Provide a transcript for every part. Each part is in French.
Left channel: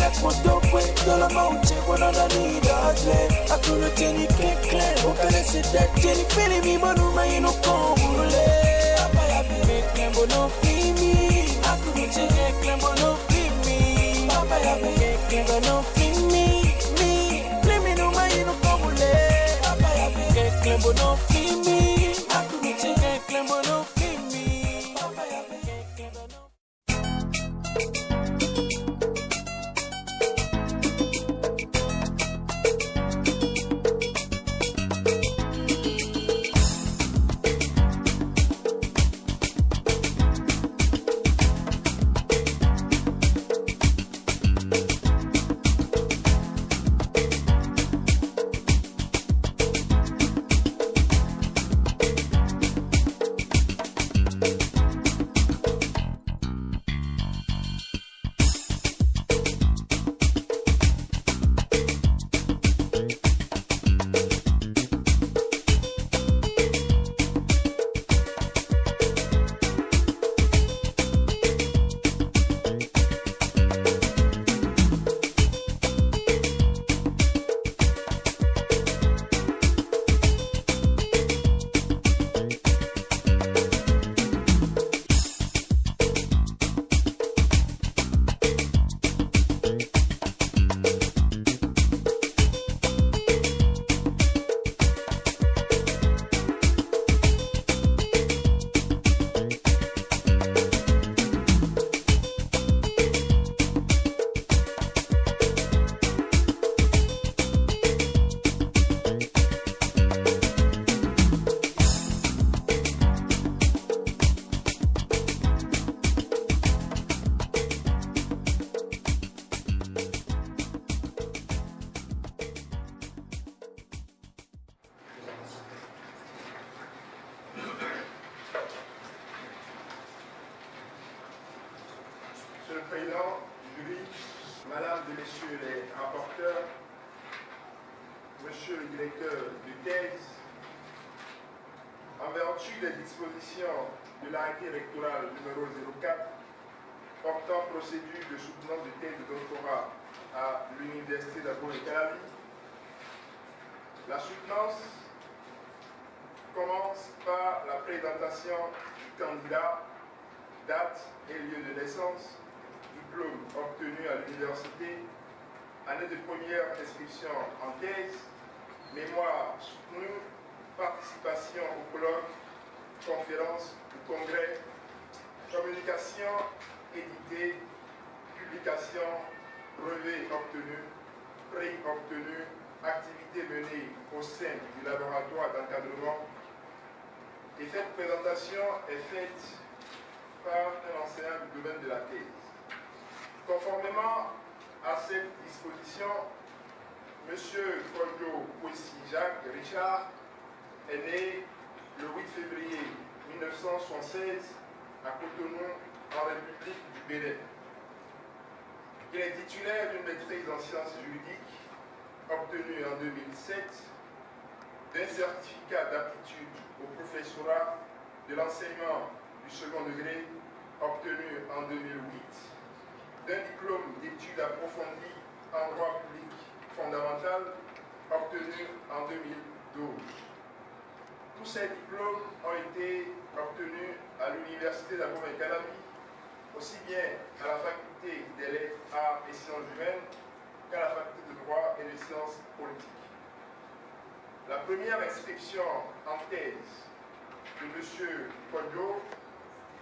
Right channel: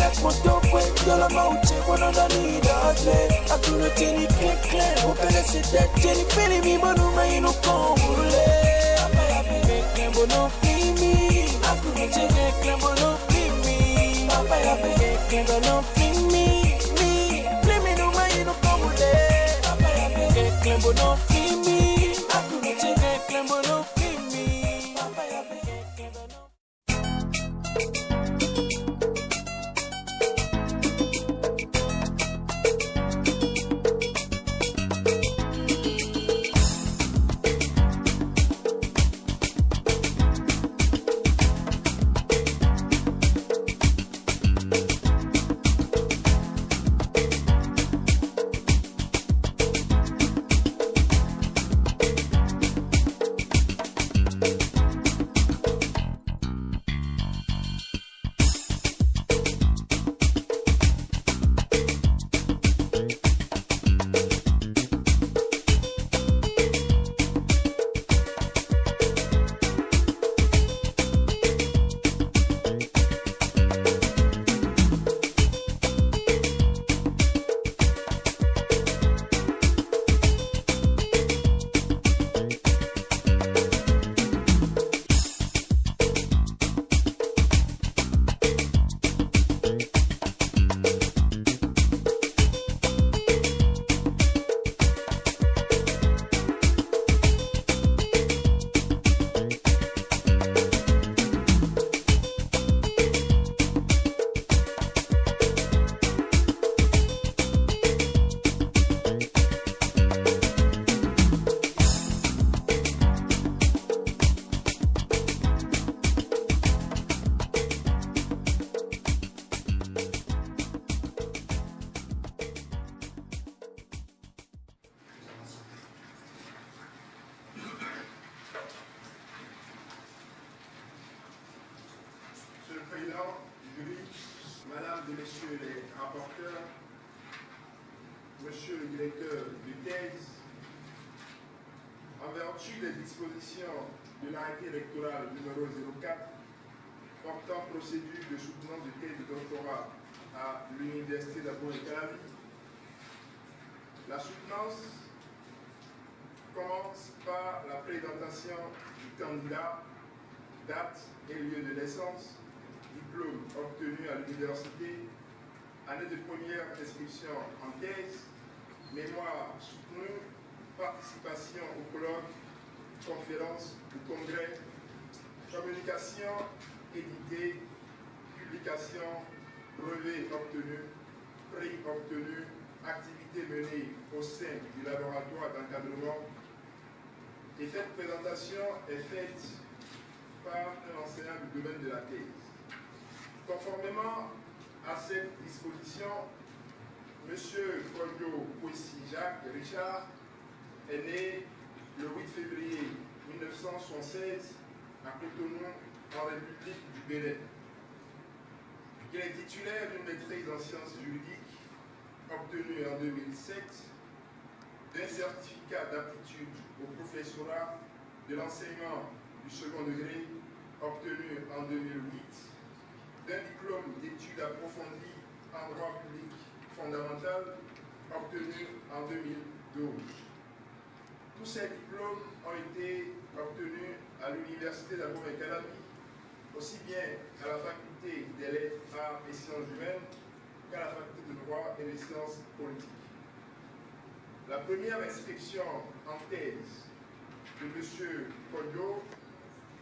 like moto fue, yo la mauche, bueno no ni dodge. A tu no tiene clean, open a sit that jelly feeling me, but no man no come. Papa ya be clean, but no feel me. A tu no tiene clean, but no feel me. Papa ya be clean, but no feel me. Feel me no man no come. Papa ya be clean, but no feel me. A tu no tiene clean, but no feel me. Papa ya be clean, but no. Monsieur le Président du jury, Madame et Messieurs les rapporteurs, Monsieur le directeur de thèse, en vertu des dispositions de l'arrêté électoral numéro 04 portant procédure de soutenance de thèse de doctorat à l'Université d'Agro-et-Calavi, la soutenance commence par la présentation du candidat, date et lieu de naissance, diplôme obtenu à l'université, année de première inscription en thèse, mémoire soutenue, participation au colloque, conférence ou congrès, communication éditée, publication, brevet obtenu, prix obtenu, activité menée au sein du laboratoire d'encadrement. Et cette présentation est faite par un enseignant du domaine de la thèse. Conformément à cette disposition, M. Kodjo Kwesi Jacques Richard est né le 8 février 1976 à Cotonou, en République du Bénin. Il est titulaire d'une maîtrise en sciences juridiques obtenue en 2007, d'un certificat d'aptitude au professorat de l'enseignement du second degré obtenu en 2008, d'un diplôme d'études approfondies en droit public fondamental obtenu en 2012. Tous ces diplômes ont été obtenus à l'Université d'Agro-et-Calavi, aussi bien à la faculté des lettres, arts et sciences humaines qu'à la faculté de droit et de sciences politiques. La première inscription en thèse de M. Kodjo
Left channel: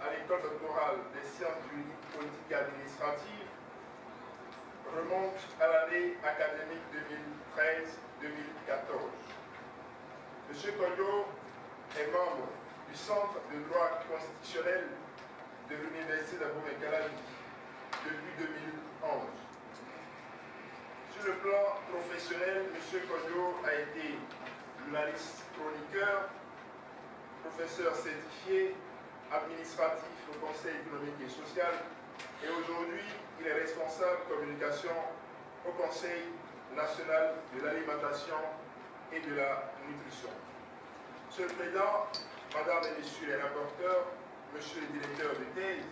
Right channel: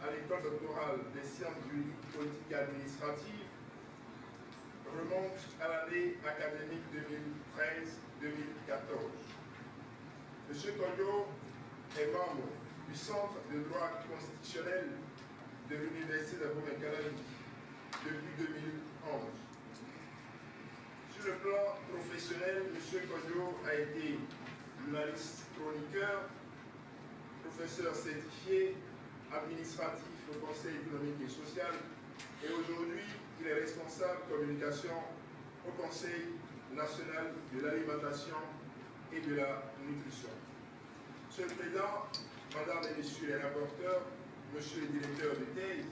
à l'école doctorale des sciences juridiques, politiques et administratives remonte à l'année académique 2013-2014. M. Kodjo est membre du Centre de droit constitutionnel de l'Université d'Agro-et-Calavi depuis 2011. Sur le plan professionnel, M. Kodjo a été journaliste chroniqueur, professeur certifié, administratif au Conseil économique et social, et aujourd'hui, il est responsable communication au Conseil national de l'alimentation et de la nutrition. Monsieur le Président, Madame et Messieurs les rapporteurs, Monsieur le directeur de thèse,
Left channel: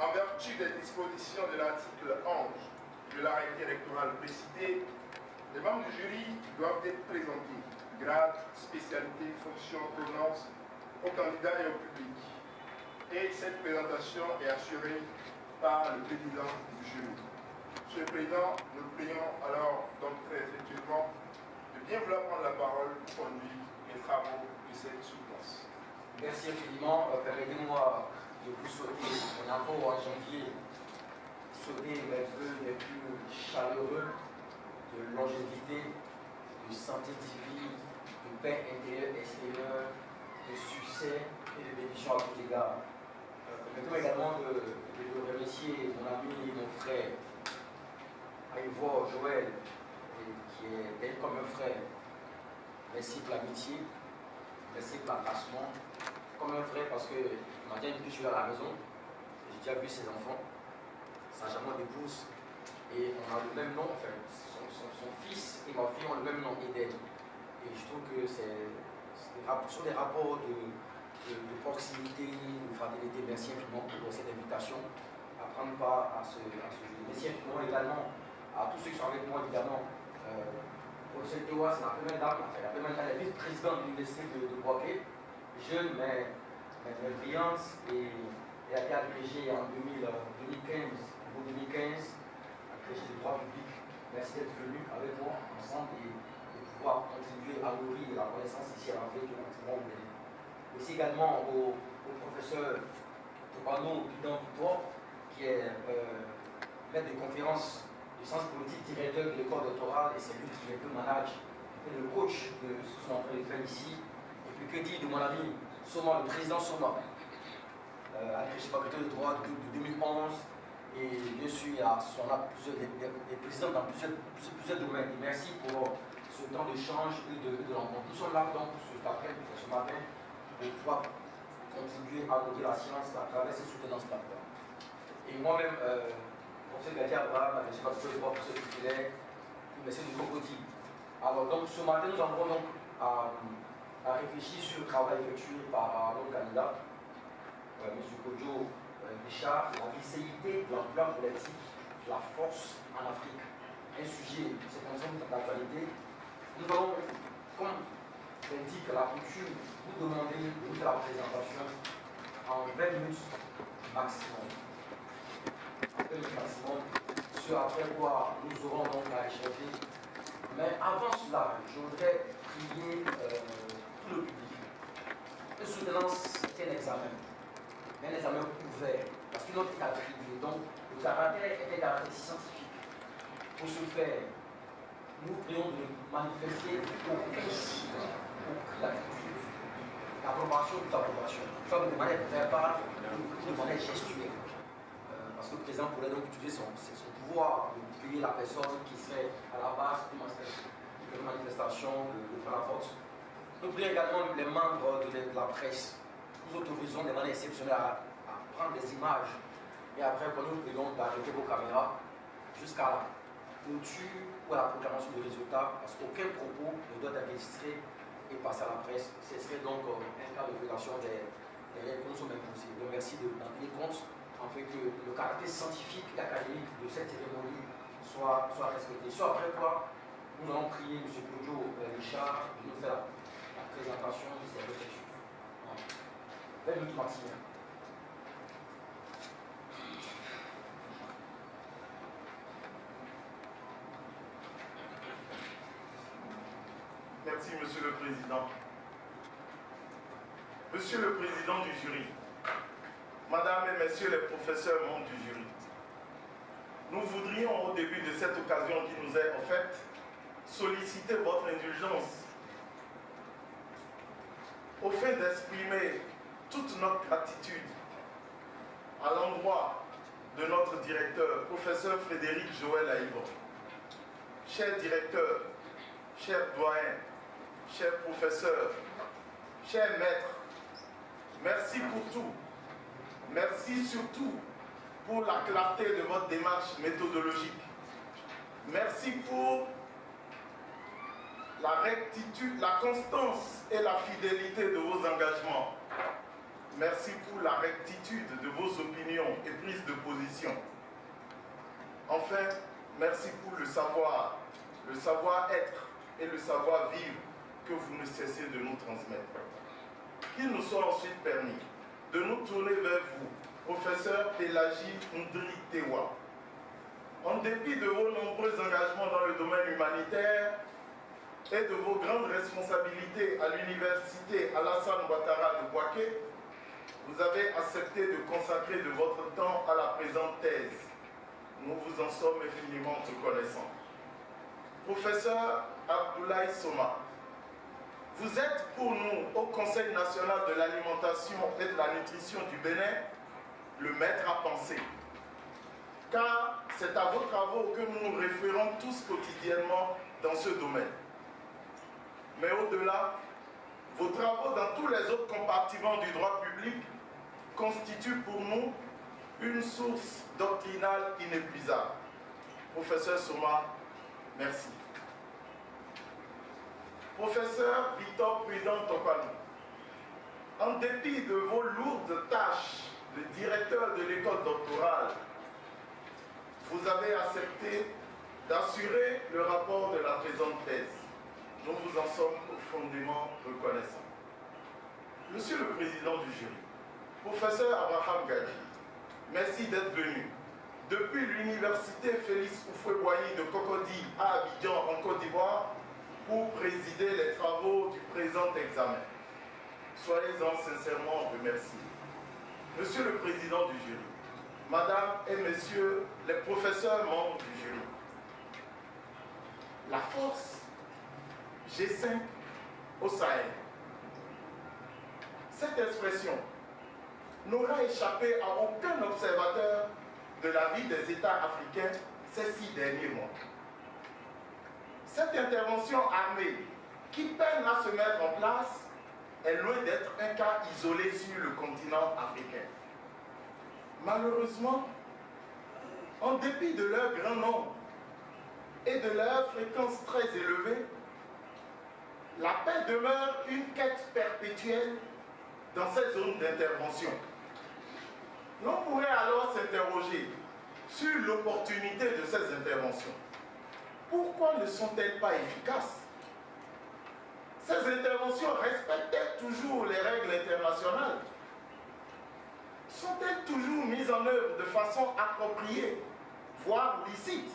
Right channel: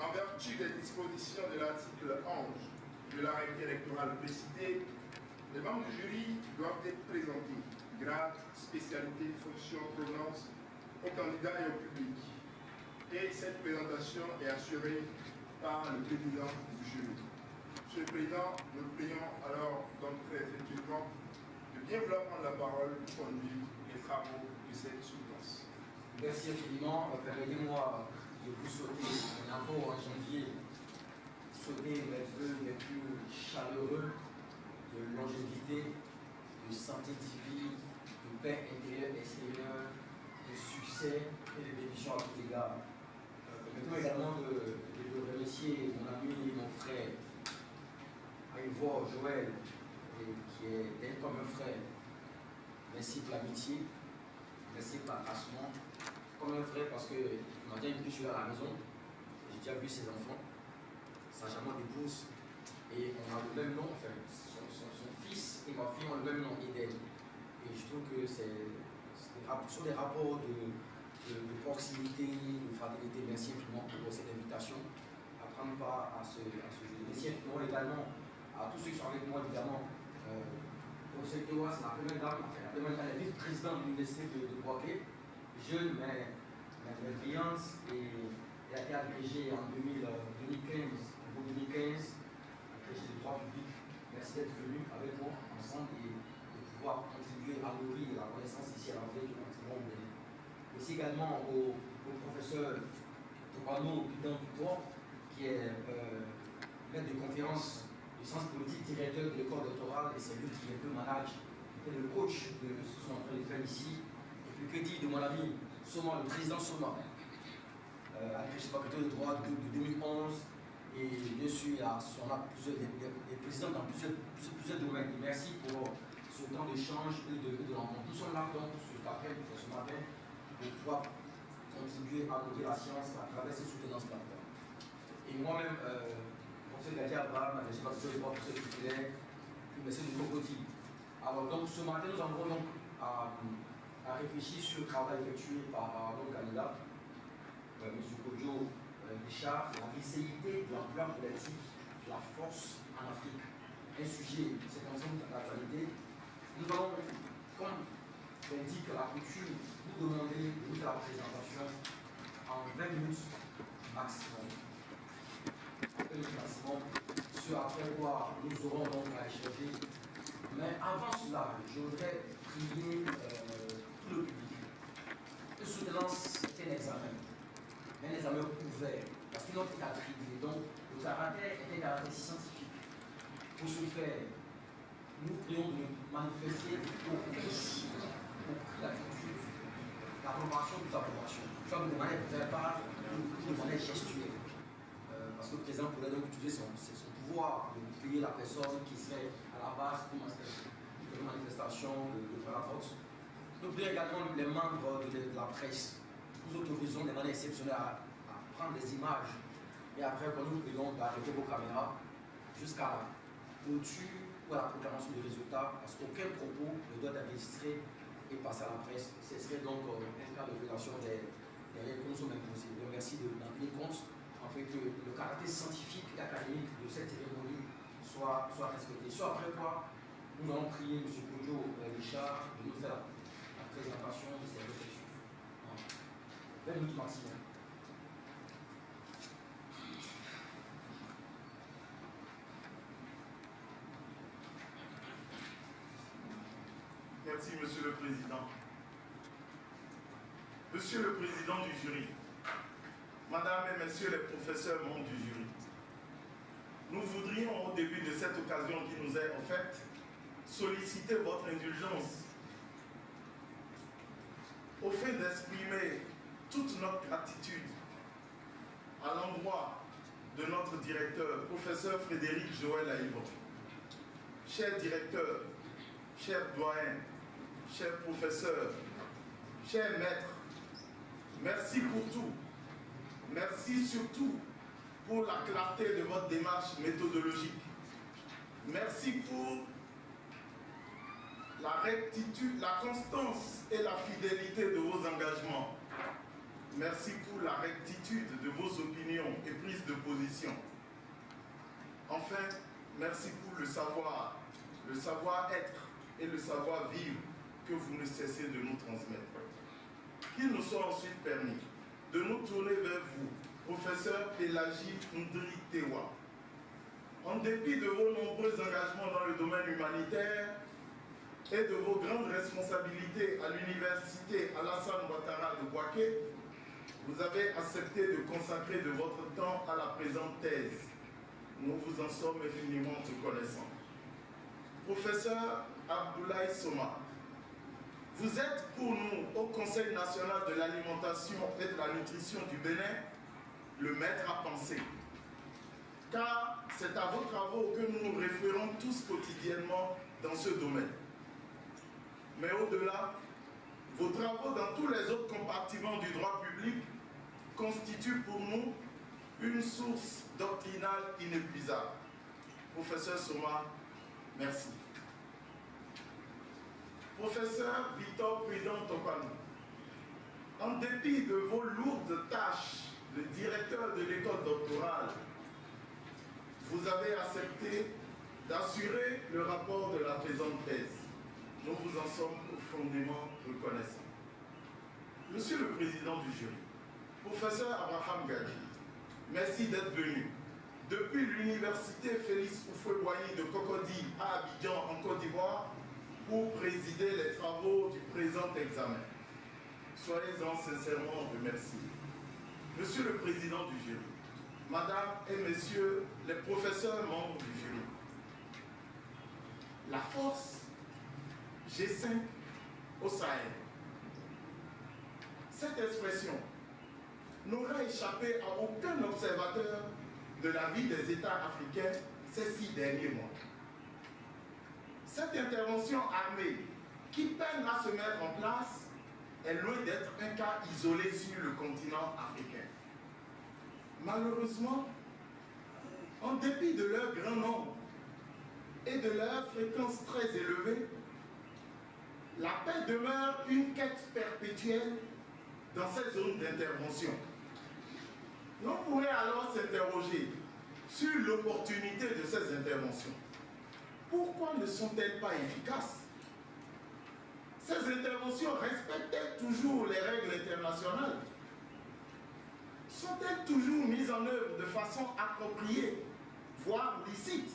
En vertu des dispositions de l'article 11 de l'arrêté électoral précité, les membres du jury doivent être présentés, grade, spécialité, fonction, provenance, aux candidats et au public. Et cette présentation est assurée par le président du jury. Monsieur le Président, nous le prions alors donc très effectivement de bien vouloir prendre la parole pour conduire les travaux de cette soutenance. Merci infiniment. Permettez-moi de vous souhaiter, on est encore en janvier, souhaiter mes vœux les plus chaleureux de longévité, de santé divine, de paix intérieure et extérieure, de succès et de bénédiction à tous égards. Permettez-moi également de remercier mon ami et mon frère, Ivor Joël, qui est d'être comme un frère. Merci pour l'amitié, merci pour l'attachement. Comme un frère parce que m'a déjà invité, je suis à la maison, j'ai déjà vu ses enfants, sa charmante épouse, et on a le même nom, enfin, son fils et ma fille ont le même nom, Eden. Et je trouve que ce sont des rapports de proximité, de fraternité. Merci infiniment pour cette invitation à prendre part à ce jeu. Merci infiniment également à tous ceux qui sont avec moi, évidemment. Professeur Tewa, c'est la première dame, enfin, la première dame, la vice-présidente de l'université de Boaké, jeune mais brillante, et elle a été agrégée en 2015, agrégée de droit public. Merci d'être venu avec moi ensemble et de pouvoir contribuer à nourrir la connaissance ici à l'Afrique et au Bénin. Merci également au professeur Topano Bidan Victor, qui est maître de conférence de sciences politiques, directeur de l'école doctorale, et c'est lui qui est un peu manage et le coach de ce qu'ils sont en train de faire ici. Et puis que dire de mon ami Soma, le président Soma, agrégé faculté de droit de 2011, et bien sûr il a des présidents dans plusieurs domaines. Et merci pour ce temps d'échange et de rencontre. Nous sommes là donc ce matin pour pouvoir contribuer à nourrir la science à travers ces soutenances-là. Et moi-même, professeur Gadi Abraham, agrégé faculté de droit, professeur titulaire, merci de Cocody. Alors donc ce matin nous avons donc à réfléchir sur le travail effectué par notre candidat, M. Kodjo Richard, la vicéité de l'emploi collectif, la force en Afrique. Un sujet, c'est un ensemble d'actualité. Nous allons, comme l'indique la coutume, vous demander de faire la présentation en 20 minutes maximum. En 20 minutes maximum, ce après quoi nous aurons donc à échanger. Mais avant cela, je voudrais prier tout le public. Une soutenance est un examen, mais un examen ouvert, parce que notre est attribué. Donc, le caractère est un caractère scientifique. Pour ce faire, nous prions de manifester aucun signe, aucune attitude, l'approbation ou l'approbation, soit de manière verbale ou de manière gestuelle. Parce que le président pourrait donc utiliser son pouvoir de payer la personne qui serait à la base de la manifestation, de faire la force. Nous prions également les membres de la presse. Nous autorisons de manière exceptionnelle à prendre des images et après, nous prions d'arrêter vos caméras jusqu'à la clôture ou à la proclamation du résultat, parce qu'aucun propos ne doit être enregistré et passer à la presse. Ce serait donc un cas de violation des règles que nous sommes imposées. Donc merci d'en tenir compte, afin que le caractère scientifique et académique de cette cérémonie soit respecté. Soit après quoi, nous allons prier M. Kodjo Richard de nous faire la présentation de ces réflexions. 20 minutes maximum. Merci, Monsieur le Président. Monsieur le Président du jury, Madame et Messieurs les professeurs membres du jury, nous voudrions au début de cette occasion qui nous est offerte solliciter votre indulgence au fait d'exprimer toute notre gratitude à l'endroit de notre directeur, professeur Frédéric Joël Aïvon. Cher directeur, cher doyen, cher professeur, cher maître, merci pour tout. Merci surtout pour la clarté de votre démarche méthodologique. Merci pour la rectitude, la constance et la fidélité de vos engagements. merci pour la rectitude de vos opinions et prises de position. Enfin, merci pour le savoir-être et le savoir-vivre que vous ne cessez de nous transmettre. Qu'il nous soit ensuite permis de nous tourner vers vous, professeur Pelagie Ndri Tewa. En dépit de vos nombreux engagements dans le domaine humanitaire et de vos grandes responsabilités à l'université Alassane Ouattara de Bouaké, vous avez accepté de consacrer de votre temps à la présente thèse. Nous vous en sommes infiniment reconnaissants. Professeur Abdoulaye Soma, vous êtes pour nous, au Conseil national de l'alimentation et de la nutrition du Bénin, le maître à penser. Car c'est à vos travaux que nous nous référons tous quotidiennement dans ce domaine. Mais au-delà, vos travaux dans tous les autres compartiments du droit public constituent pour nous une source doctrinale inépuisable. Professeur Soma, merci. Professeur Victor Prudent Topanou, en dépit de vos lourdes tâches de directeur de l'école doctorale, vous avez accepté d'assurer le rapport de la présente thèse. Nous vous en sommes profondément reconnaissants. Monsieur le Président du jury, professeur Abraham Gadi, merci d'être venu depuis l'université Félix Houphouët-Boigny de Cocody à Abidjan en Côte d'Ivoire pour présider les travaux du présent examen. Soyez-en sincèrement remerciés. Monsieur le Président du jury, Madame et Messieurs les professeurs membres du jury, la force G5 au Sahel. Cette expression n'aura échappé à aucun observateur de la vie des États africains ces 6 derniers mois. Cette intervention armée qui peine à se mettre en place est loin d'être un cas isolé sur le continent africain. Malheureusement, en dépit de leur grand nombre et de leur fréquence très élevée, la paix demeure une quête perpétuelle dans ces zones d'intervention. L'on pourrait alors s'interroger sur l'opportunité de ces interventions. Pourquoi ne sont-elles pas efficaces? Ces interventions respectent-elles toujours les règles internationales? Sont-elles toujours mises en œuvre de façon appropriée, voire licite?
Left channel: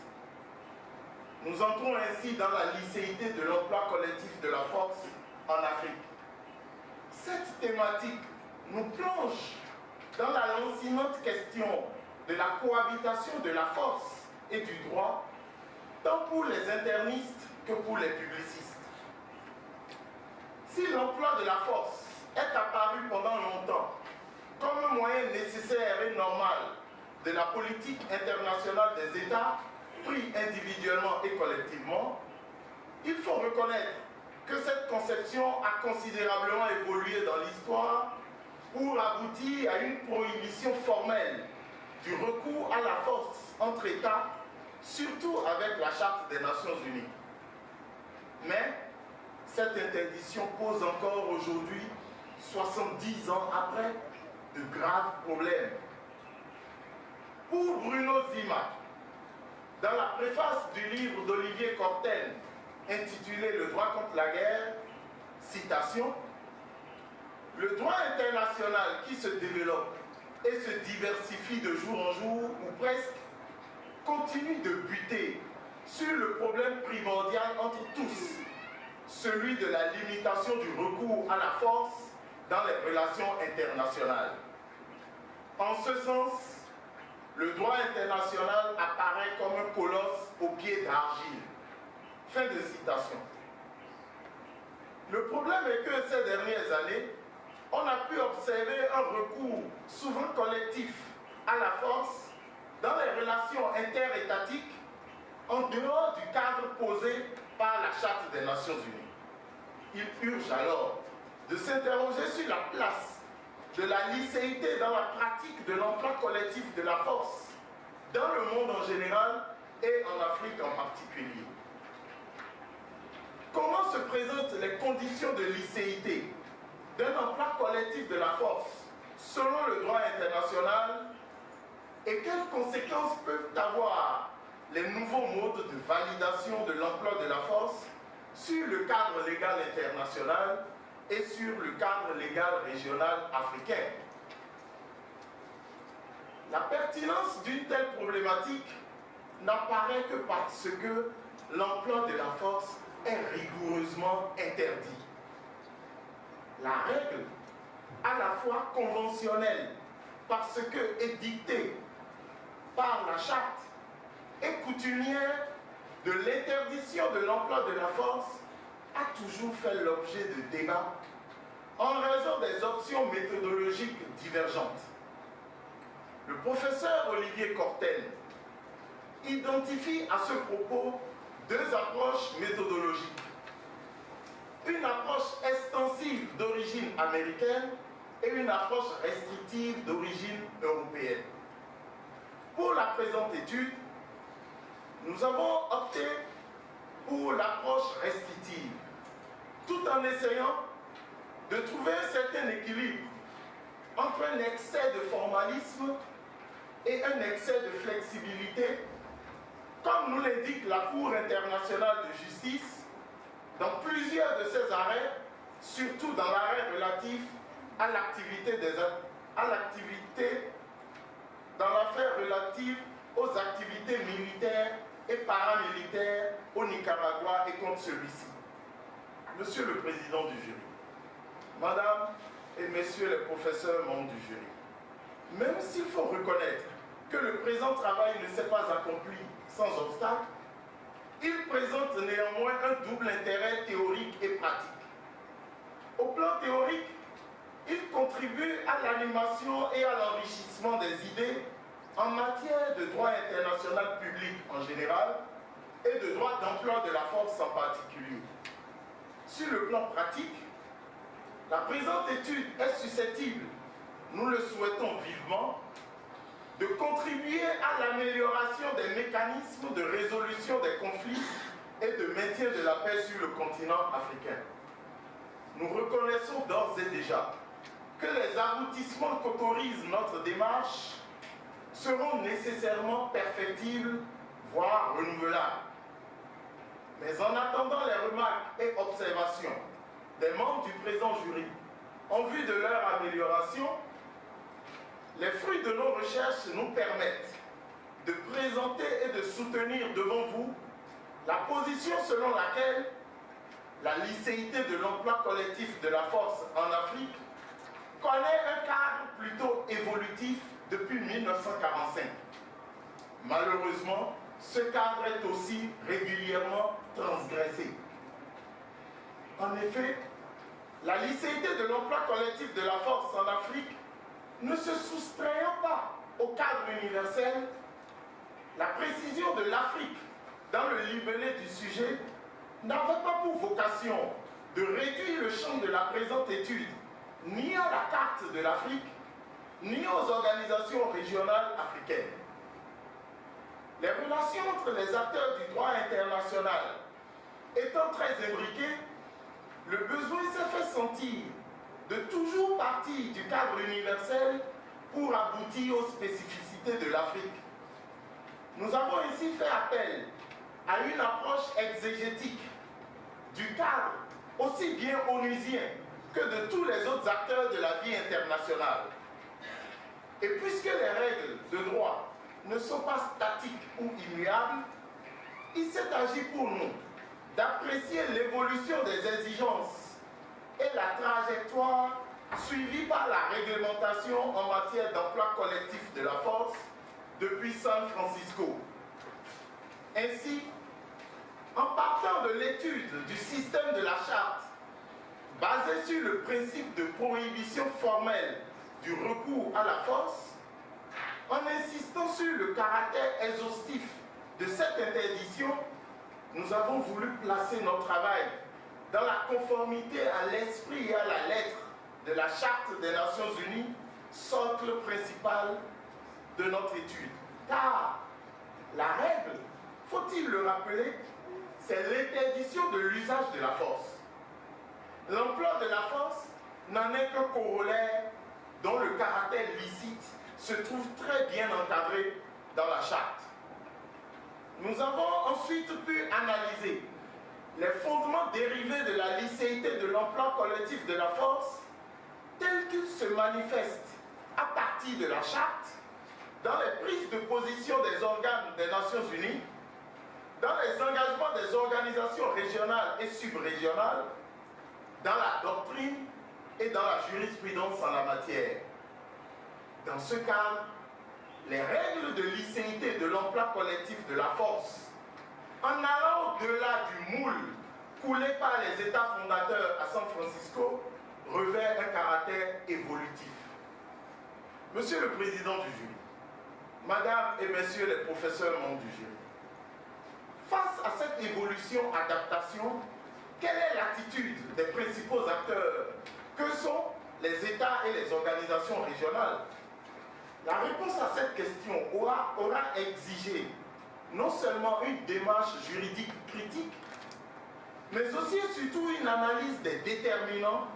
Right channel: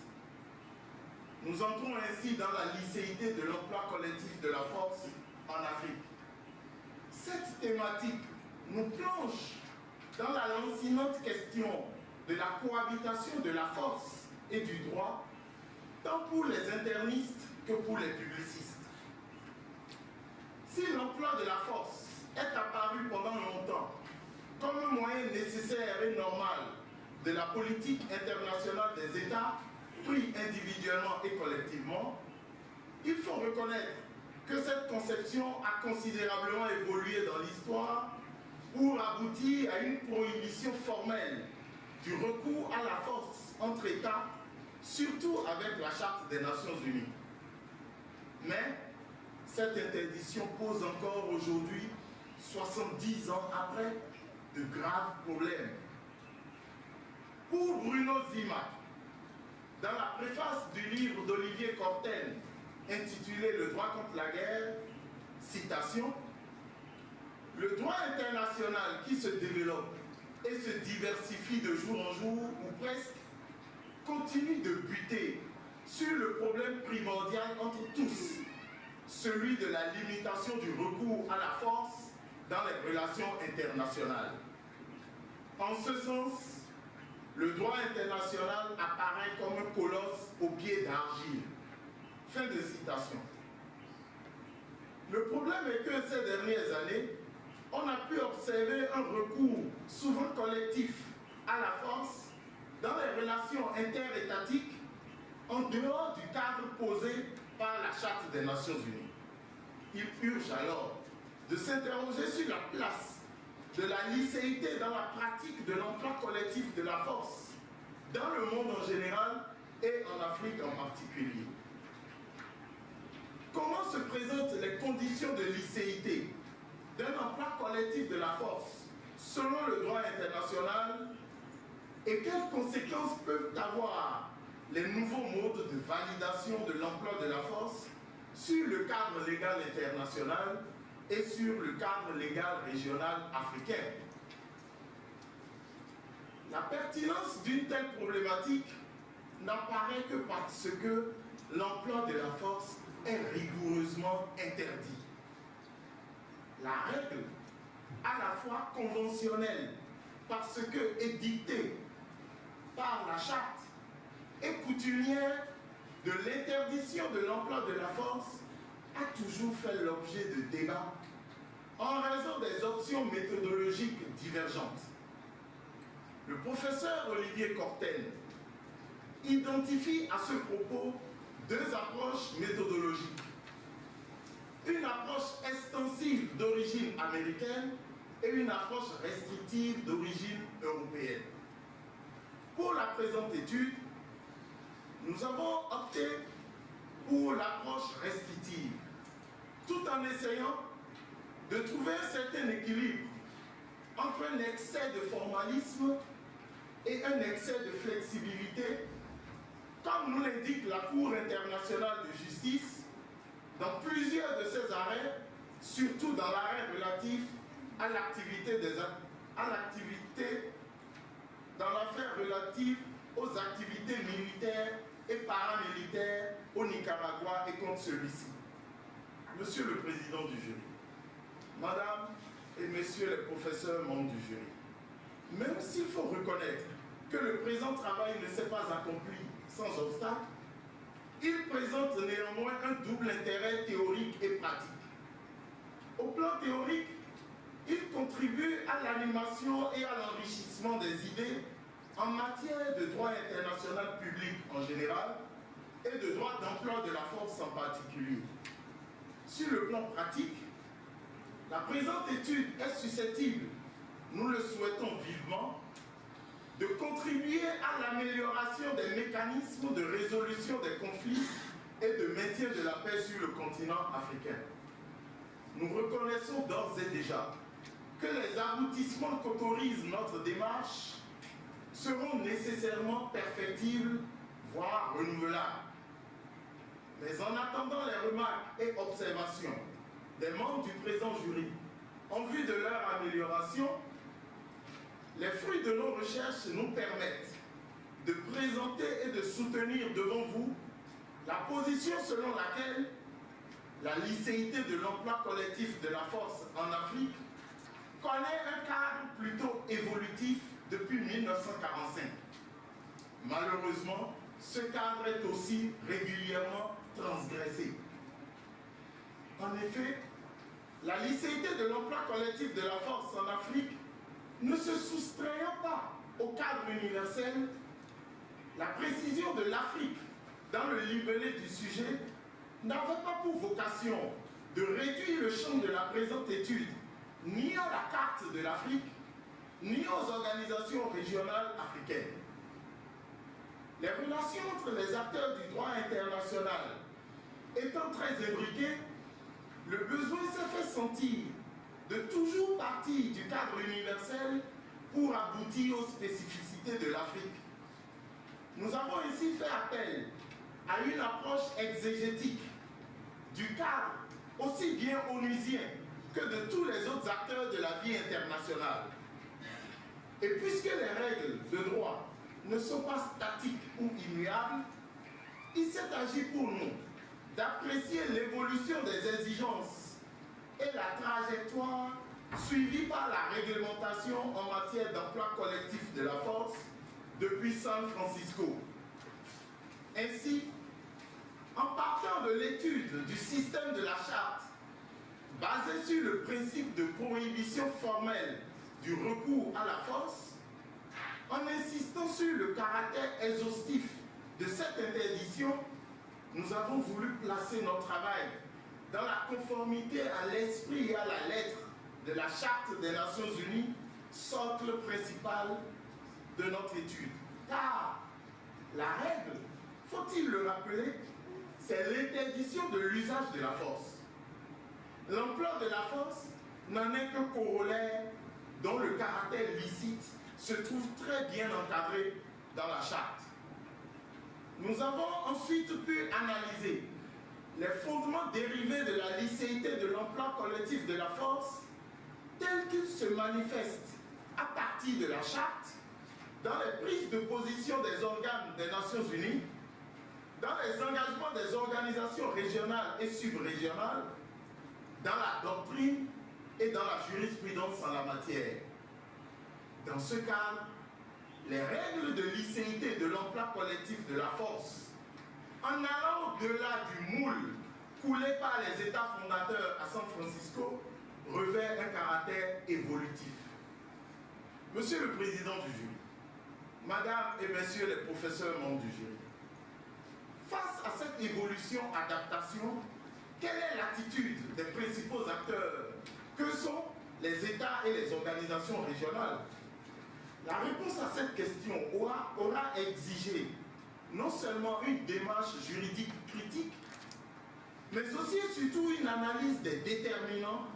Nous entrons ainsi dans la licéité de l'emploi collectif de la force en Afrique. Cette thématique nous plonge dans la lancinante question de la cohabitation de la force et du droit, tant pour les internistes que pour les publicistes. Si l'emploi de la force est apparu pendant longtemps comme un moyen nécessaire et normal de la politique internationale des États, pris individuellement et collectivement, il faut reconnaître que cette conception a considérablement évolué dans l'histoire pour aboutir à une prohibition formelle du recours à la force entre États, surtout avec la Charte des Nations Unies. Mais cette interdiction pose encore aujourd'hui, 70 ans après, de graves problèmes. Pour Bruno Zima, dans la préface du livre d'Olivier Courtine intitulé « Le droit contre la guerre », citation, « Le droit international qui se développe et se diversifie de jour en jour, ou presque, continue de buter sur le problème primordial entre tous, celui de la limitation du recours à la force dans les relations internationales. En ce sens, le droit international apparaît comme un colosse aux pieds d'argile. » Fin de citation. Le problème est que ces dernières années, on a pu observer un recours souvent collectif à la force dans les relations interétatiques en dehors du cadre posé par la Charte des Nations Unies. Il urge alors de s'interroger sur la place de la licéité dans la pratique de l'emploi collectif de la force, dans le monde en général et en Afrique en particulier. Comment se présentent les conditions de licéité d'un emploi collectif de la force selon le droit international et quelles conséquences peuvent avoir les nouveaux modes de validation de l'emploi de la force sur le cadre légal international et sur le cadre légal régional africain. La pertinence d'une telle problématique n'apparaît que parce que l'emploi de la force est rigoureusement interdit. La règle, à la fois conventionnelle, parce que édictée par la charte, et coutumière de l'interdiction de l'emploi de la force, a toujours fait l'objet de débats en raison des options méthodologiques divergentes. Le professeur Olivier Courtelle identifie à ce propos deux approches méthodologiques. Une approche extensive d'origine américaine et une approche restrictive d'origine européenne. Pour la présente étude, nous avons opté pour l'approche restrictive, tout en essayant de trouver un certain équilibre entre un excès de formalisme et un excès de flexibilité, comme nous l'indique la Cour internationale de justice dans plusieurs de ses arrêts, surtout dans l'arrêt relatif à dans l'affaire relative aux activités militaires et paramilitaires au Nicaragua et contre celui-ci. Monsieur le Président du jury, Madame et Messieurs les professeurs membres du jury, même s'il faut reconnaître que le présent travail ne s'est pas accompli sans obstacle, il présente néanmoins un double intérêt théorique et pratique. Au plan théorique, il contribue à l'animation et à l'enrichissement des idées en matière de droit international public en général et de droit d'emploi de la force en particulier. Sur le plan pratique, la présente étude est susceptible, nous le souhaitons vivement, de contribuer à l'amélioration des mécanismes de résolution des conflits et de maintien de la paix sur le continent africain. Nous reconnaissons d'ores et déjà que les aboutissements qu'autorise notre démarche seront nécessairement perfectibles, voire renouvelables. Mais en attendant les remarques et observations des membres du présent jury en vue de leur amélioration, les fruits de nos recherches nous permettent de présenter et de soutenir devant vous la position selon laquelle la licéité de l'emploi collectif de la force en Afrique connaît un cadre plutôt évolutif depuis 1945. Malheureusement, ce cadre est aussi régulièrement transgressé. En effet, la licéité de l'emploi collectif de la force en Afrique ne se soustrayant pas au cadre universel, la précision de l'Afrique dans le libellé du sujet n'avait pas pour vocation de réduire le champ de la présente étude ni à la carte de l'Afrique, ni aux organisations régionales africaines. Les relations entre les acteurs du droit international étant très imbriquées, le besoin s'est fait sentir de toujours partir du cadre universel pour aboutir aux spécificités de l'Afrique. Nous avons ainsi fait appel à une approche exégétique du cadre aussi bien onusien que de tous les autres acteurs de la vie internationale. Et puisque les règles de droit ne sont pas statiques ou immuables, il s'est agi pour nous d'apprécier l'évolution des exigences et la trajectoire suivie par la réglementation en matière d'emploi collectif de la force depuis San Francisco. Ainsi, en partant de l'étude du système de la charte, basé sur le principe de prohibition formelle du recours à la force, en insistant sur le caractère exhaustif de cette interdiction, nous avons voulu placer notre travail dans la conformité à l'esprit et à la lettre de la Charte des Nations Unies, socle principal de notre étude. Car la règle, faut-il le rappeler, c'est l'interdiction de l'usage de la force. L'emploi de la force n'en est qu'un corollaire dont le caractère licite se trouve très bien encadré dans la charte. Nous avons ensuite pu analyser les fondements dérivés de la licéité de l'emploi collectif de la force tels qu'ils se manifestent à partir de la charte, dans les prises de position des organes des Nations Unies, dans les engagements des organisations régionales et subrégionales, dans la doctrine et dans la jurisprudence en la matière. Dans ce cadre, les règles de licéité de l'emploi collectif de la force, en allant au-delà du moule coulé par les États fondateurs à San Francisco, revêt un caractère évolutif. Monsieur le Président du jury, Madame et Messieurs les professeurs membres du jury, face à cette évolution-adaptation, quelle est l'attitude des principaux acteurs que sont les États et les organisations régionales? La réponse à cette question aura exigé non seulement une démarche juridique critique, mais aussi et surtout une analyse des déterminants,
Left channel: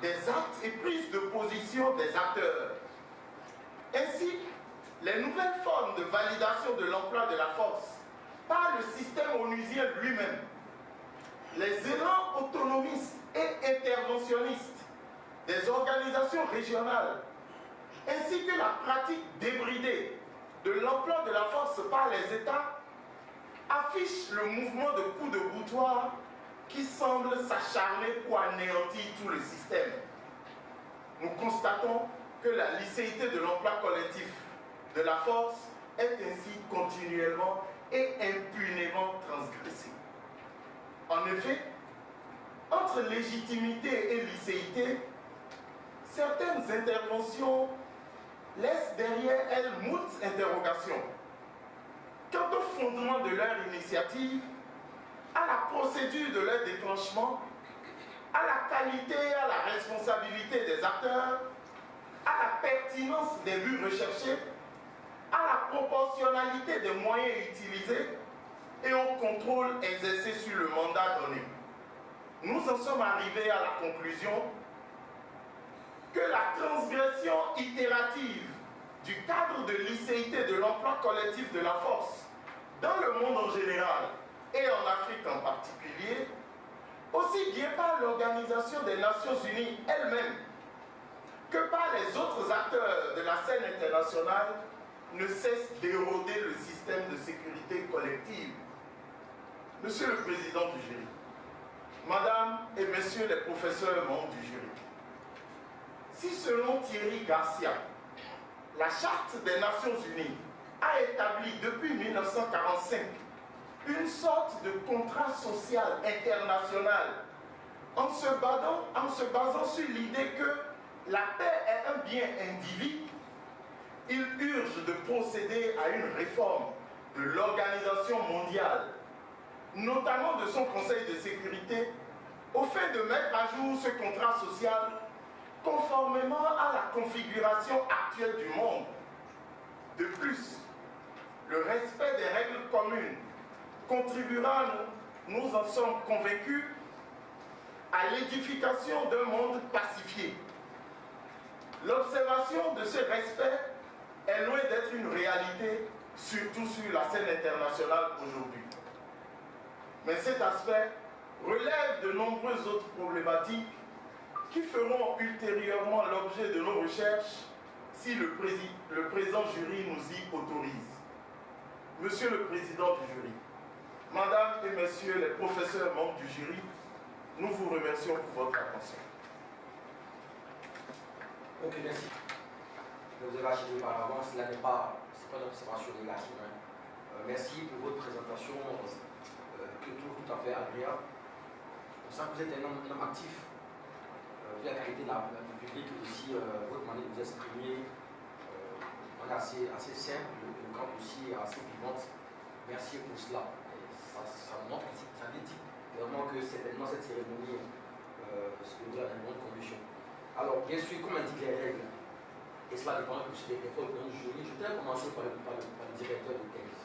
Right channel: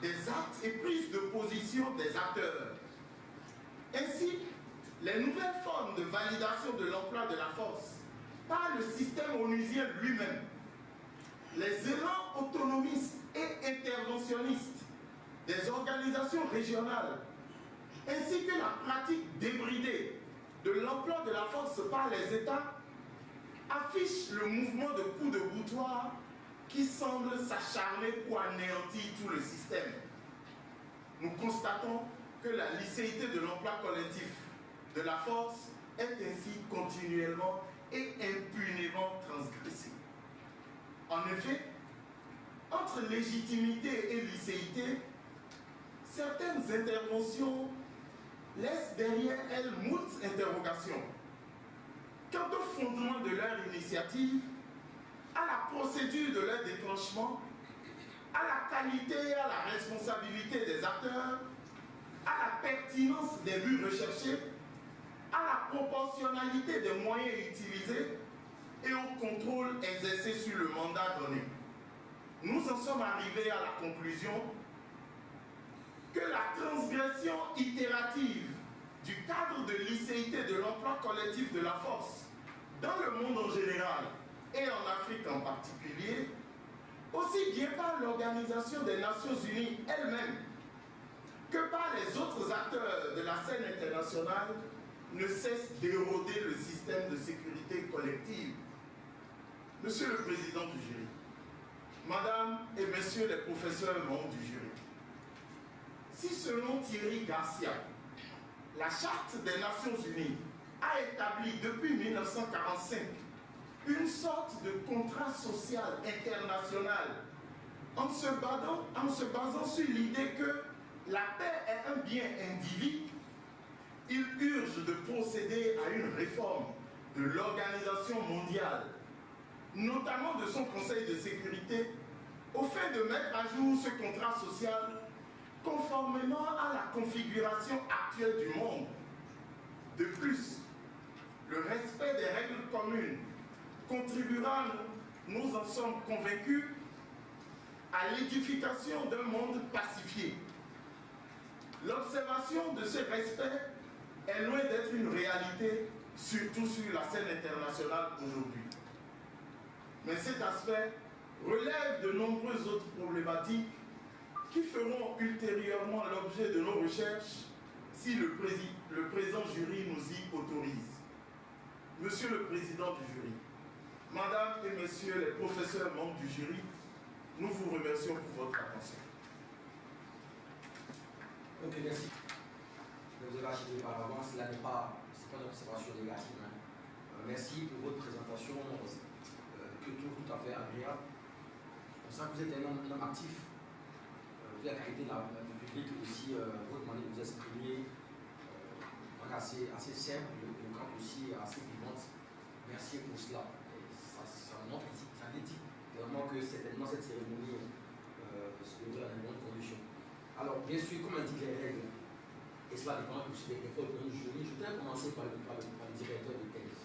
des actes et prises de position des acteurs. Ainsi, les nouvelles formes de validation de l'emploi de la force par le système onusien lui-même, les élans autonomistes et interventionnistes des organisations régionales, ainsi que la pratique débridée de l'emploi de la force par les États, affichent le mouvement de coups de boutoir qui semble s'acharner pour anéantir tout le système. Nous constatons que la licéité de l'emploi collectif de la force est ainsi continuellement et impunément transgressée. En effet, entre légitimité et licéité, certaines interventions laissent derrière elles moult interrogations. Quant au fondement de leur initiative, à la procédure de leur déclenchement, à la qualité et à la responsabilité des acteurs, à la pertinence des buts recherchés, à la proportionnalité des moyens utilisés et au contrôle exercé sur le mandat donné. Nous en sommes arrivés à la conclusion que la transgression itérative du cadre de licéité de l'emploi collectif de la force dans le monde en général et en Afrique en particulier, aussi bien par l'Organisation des Nations Unies elle-même que par les autres acteurs de la scène internationale, ne cesse d'éroder le système de sécurité collective. Monsieur le Président du jury, Madame et Messieurs les professeurs membres du jury, si selon Thierry Garcia, la Charte des Nations Unies a établi depuis 1945 une sorte de contrat social international en se basant sur l'idée que la paix est un bien individu, il urge de procéder à une réforme de l'Organisation mondiale, notamment de son Conseil de sécurité, au fait de mettre à jour ce contrat social conformément à la configuration actuelle du monde. De plus, le respect des règles communes contribuera, nous en sommes convaincus, à l'édification d'un monde pacifié. L'observation de ce respect est loin d'être une réalité, surtout sur la scène internationale aujourd'hui. Mais cet aspect relève de nombreuses autres problématiques qui feront ultérieurement l'objet de nos recherches si le présent jury nous y autorise. Monsieur le Président du jury, Madame et Messieurs les professeurs membres du jury, nous vous remercions pour votre attention. Ok, merci. Vous avez acheté par avance, cela n'est pas une observation négative. Merci pour votre présentation que je trouve tout à fait agréable. On sent que vous êtes un homme actif. Vu la qualité du public aussi, votre manière de vous exprimer, on est assez simple, éloquente aussi, assez vivante. Merci pour cela. Ça montre, ça dit vraiment que certainement cette cérémonie se déroule dans de bonnes conditions. Alors, bien sûr, comme indiquent les règles, et cela dépend aussi des efforts du jury, je voudrais commencer par le directeur de thèse.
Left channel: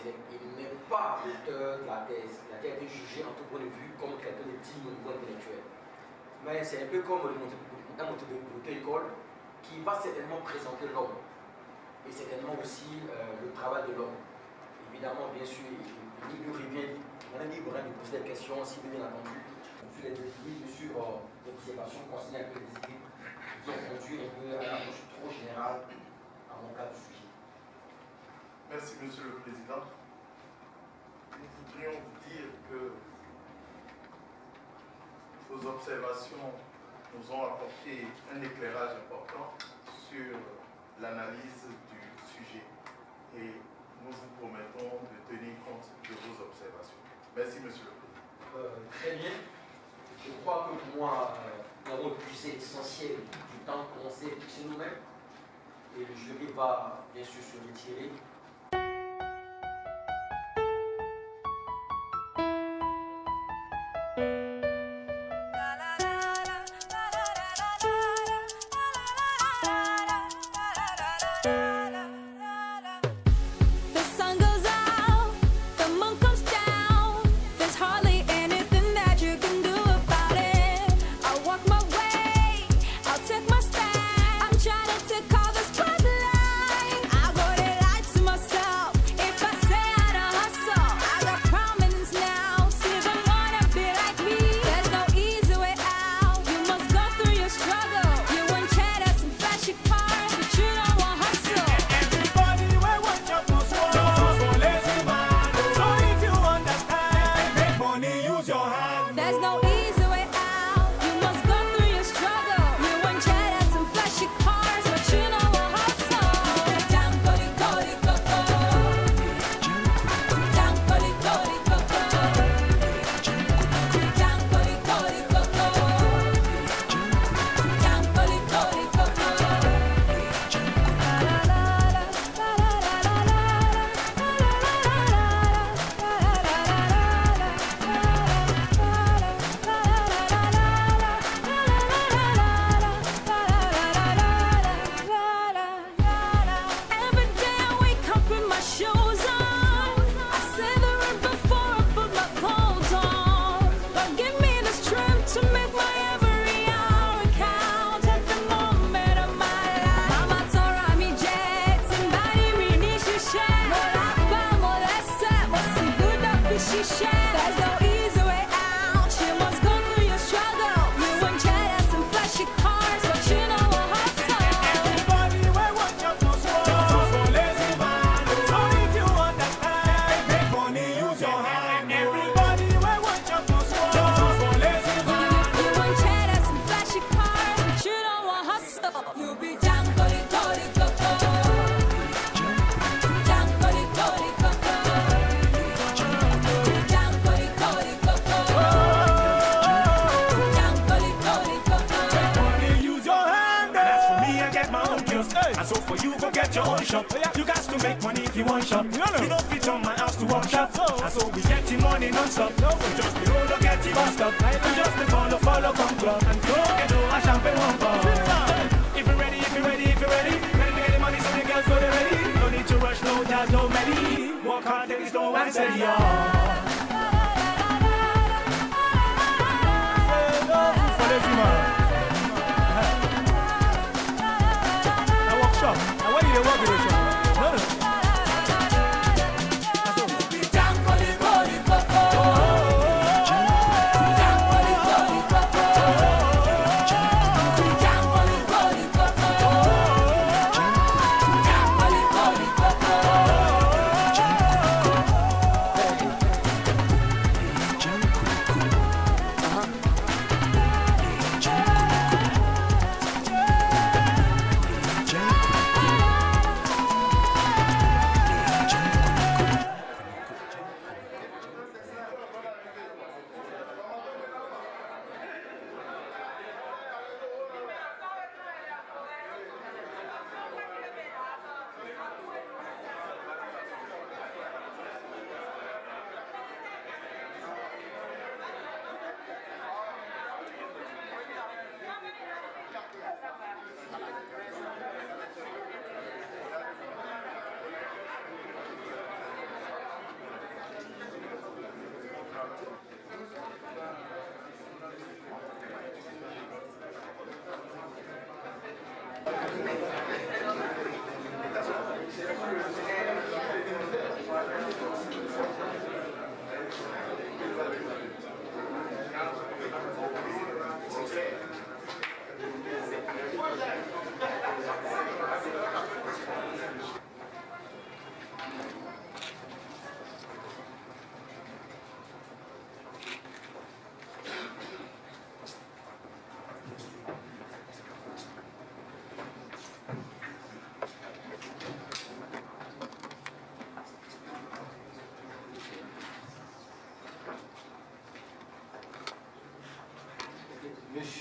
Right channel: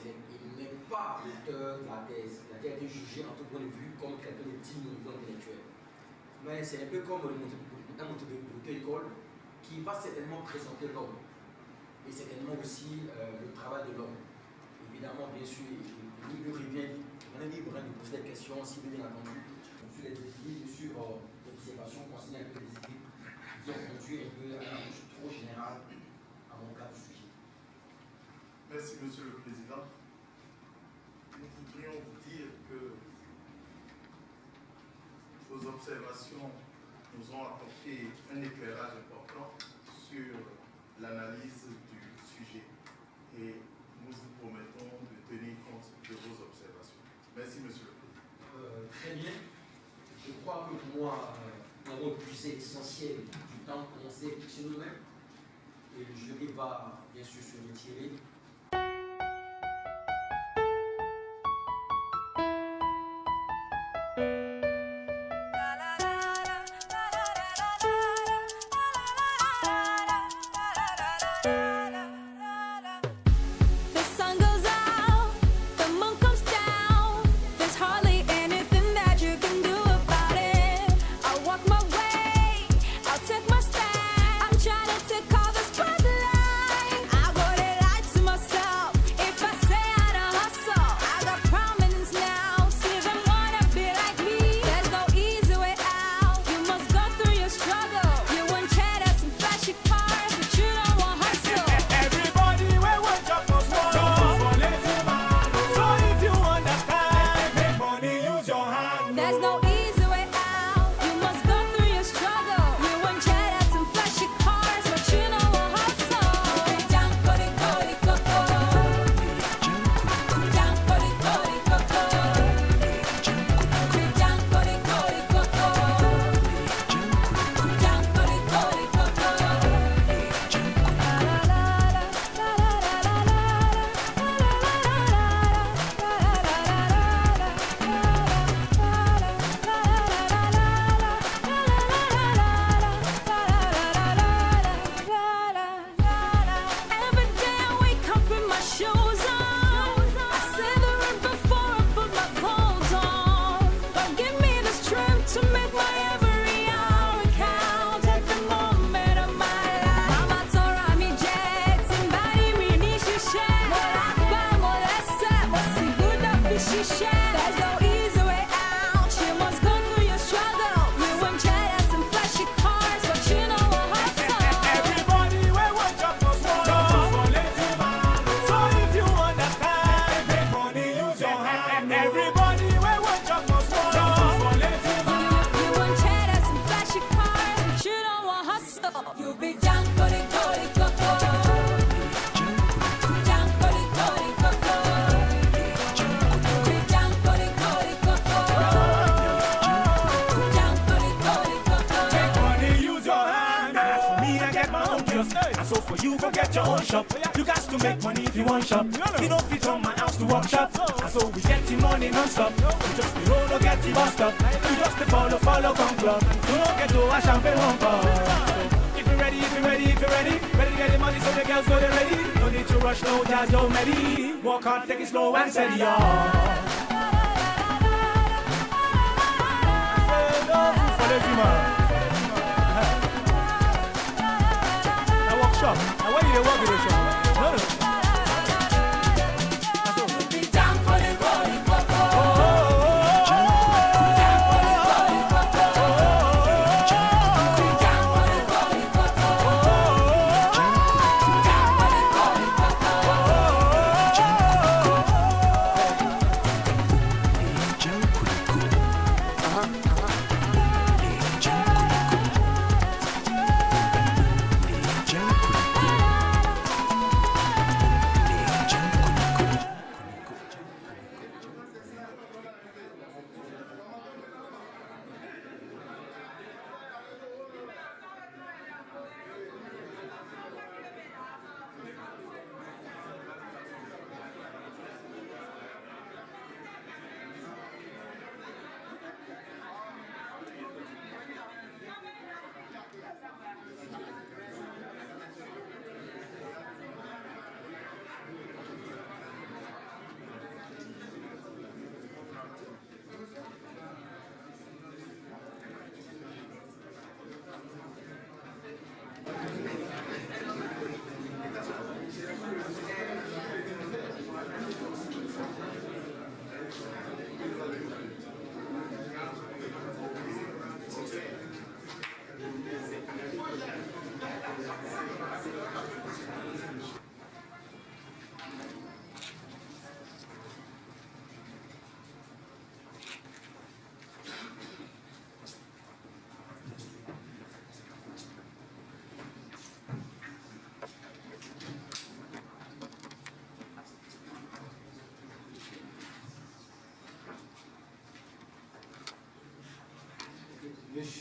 Il n'est pas l'auteur de la thèse. Il a été jugé en tout point de vue comme quelqu'un de digne au niveau intellectuel. Mais c'est un peu comme un un auto-école qui va certainement présenter l'homme et certainement aussi le travail de l'homme. Évidemment, bien sûr, il lui revient, on est libre de poser des questions, si bien entendu, sur les défis, sur l'observation concernant un peu les équipes qui ont conduit un peu à une approche trop générale à mon cas du sujet. Merci, Monsieur le Président. Nous voudrions vous dire que vos observations nous ont apporté un éclairage important sur l'analyse du sujet et nous vous promettons de tenir compte de vos observations. Merci, Monsieur le Président. Très bien. Je crois que pour moi, nous avons épuisé l'essentiel du temps qu'on s'est fixé nous-mêmes et le jury va bien sûr se retirer.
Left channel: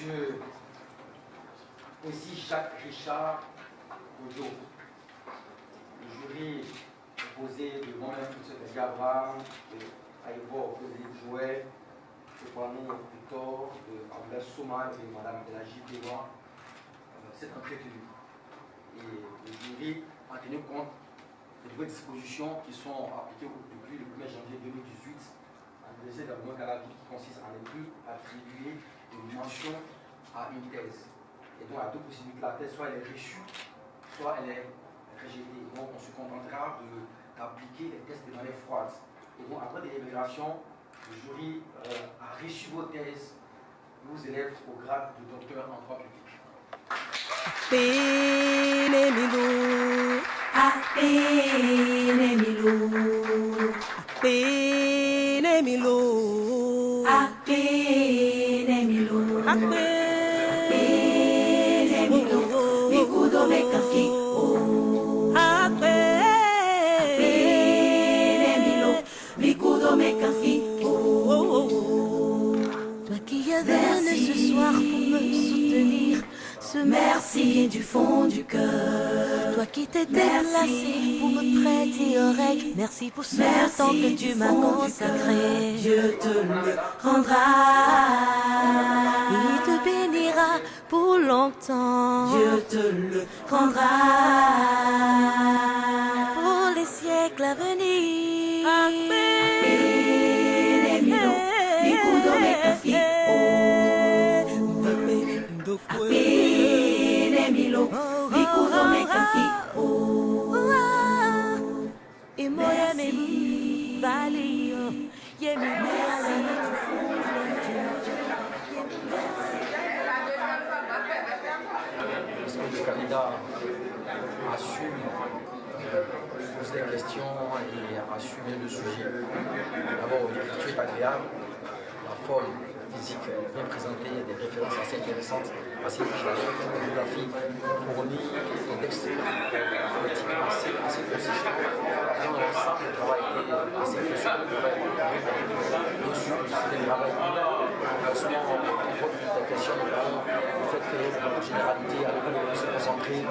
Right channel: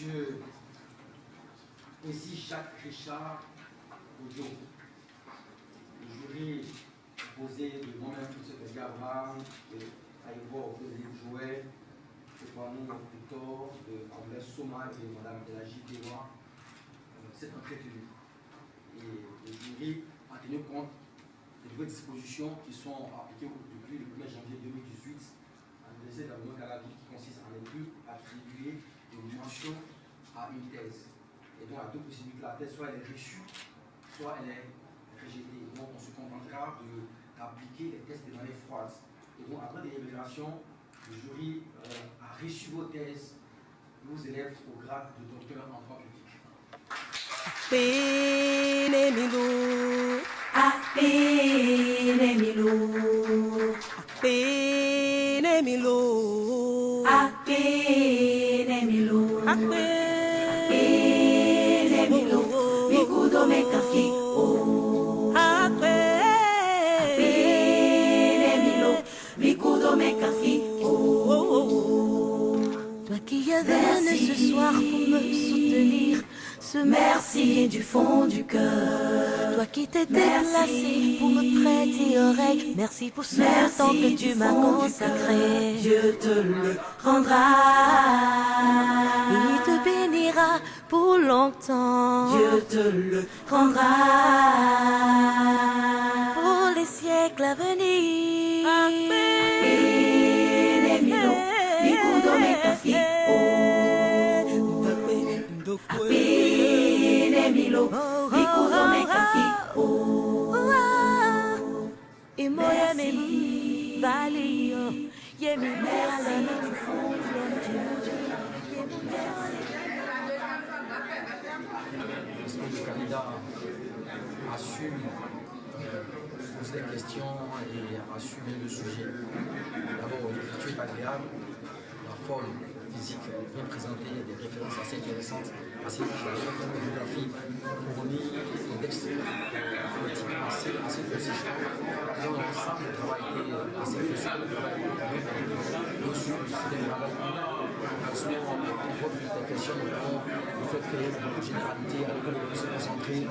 Monsieur aussi Jacques Richard Ojo. Le jury composé de moi-même, M. Gavra, de Aïvo Frédéric Joël, de Kwame Victor, de Abdel Souma et de Mme Delagie Dewa, s'est entretenu. Et le jury a tenu compte des nouvelles dispositions qui sont appliquées depuis le 1er janvier 2018 à l'Université d'Abomey Calavi, qui consiste à ne plus attribuer une mention à une thèse. Et donc, il y a deux possibilités. La thèse, soit elle est reçue, soit elle est rejetée. Donc, on se contentera d'appliquer les thèses de manière froide. Et donc, après délibération, le jury a reçu vos thèses, vos élèves au grade de docteur en droit public. Toi qui es venu ce soir pour me soutenir, ce merci du fond du cœur. Toi qui t'es déplacé pour me prêter oreille, merci pour ce temps que tu m'as consacré. Dieu te le rendra, il te bénira pour longtemps. Dieu te le rendra pour les siècles à venir. Est-ce que le candidat a su poser des questions et assumer le sujet? D'abord, l'écriture est agréable, la forme physique bien présentée, des références assez intéressantes, assez riches, la bibliographie fournie, des textes politiques assez consistants. Dans l'ensemble, le travail était assez précieux, le travail bien sûr, c'était un travail franchement, une question, notamment le fait qu'il y ait beaucoup de généralité à l'école, on se concentrer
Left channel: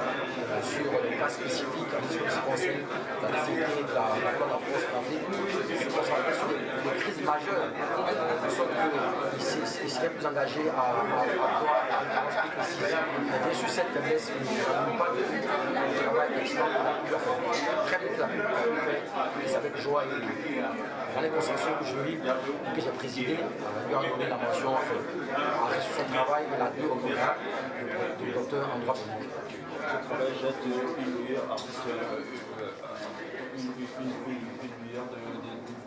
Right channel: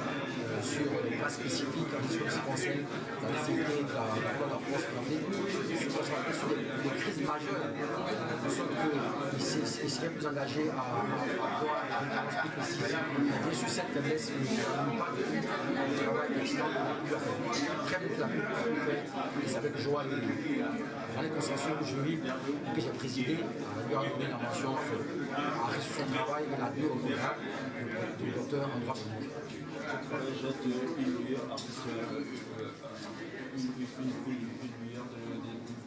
sur les cas spécifiques en ce qui concerne la nécessité de la force en Afrique, se concentrer sur les crises majeures, de sorte qu'il serait plus engagé à avoir des références plus précises. Mais bien sûr, cette faiblesse ne nous pas de travail excellent qu'on a pu faire. Très bien qu'il a pu faire, et c'est avec joie et dans les consensus du jury que j'ai présidé, lui a donné la mention a reçu son travail et l'a dû au programme de docteur en droit public. Ce travail jette une lueur,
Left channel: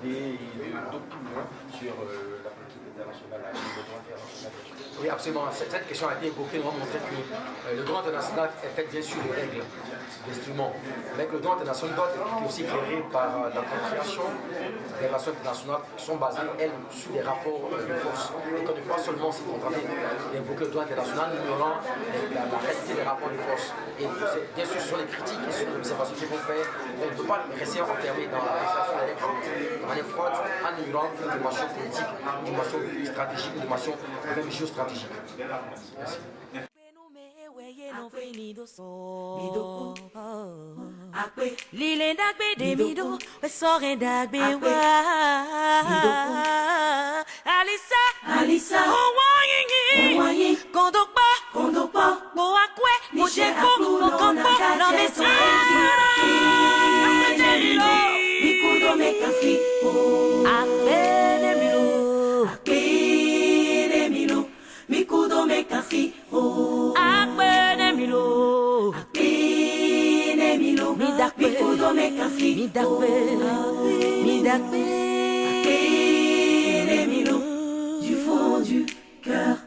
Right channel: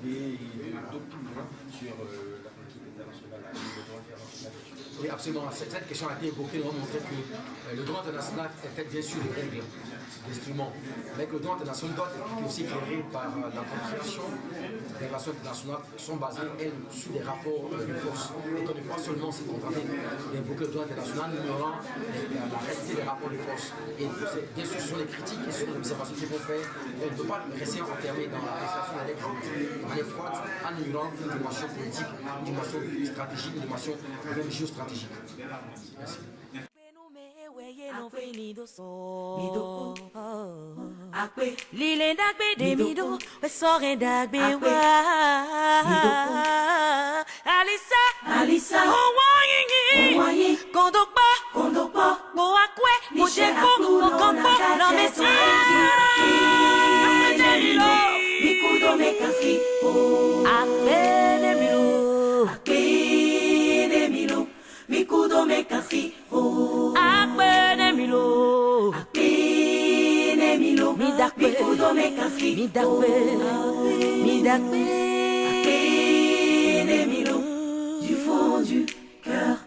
d'idées et d'opinions sur la politique internationale, le droit international. Oui, absolument. Cette question a été évoquée. Nous avons montré que le droit international est fait bien sûr de règles, d'instruments, mais que le droit international doit être aussi éclairé par la compréhension des relations internationales qui sont basées, elles, sur des rapports de force. Et qu'on ne peut pas seulement se contenter d'évoquer le droit international, ignorant la réalité des rapports de force. Et bien sûr, ce sont les critiques et ce sont les observations qu'il faut faire. On ne peut pas rester enfermé dans la présentation des règles de manière froide, en ignorant une dimension politique, une dimension stratégique, une dimension même géostratégique. Merci. Alisa, Kondokpa, Moakwe, Mojeko, Mokampo, Lomesi, Mikudo Mekafi, Akpenemilo, Mikudo Mekafi, Akpenemilo, Mikudo Mekafi, Midakpe, du fond du cœur.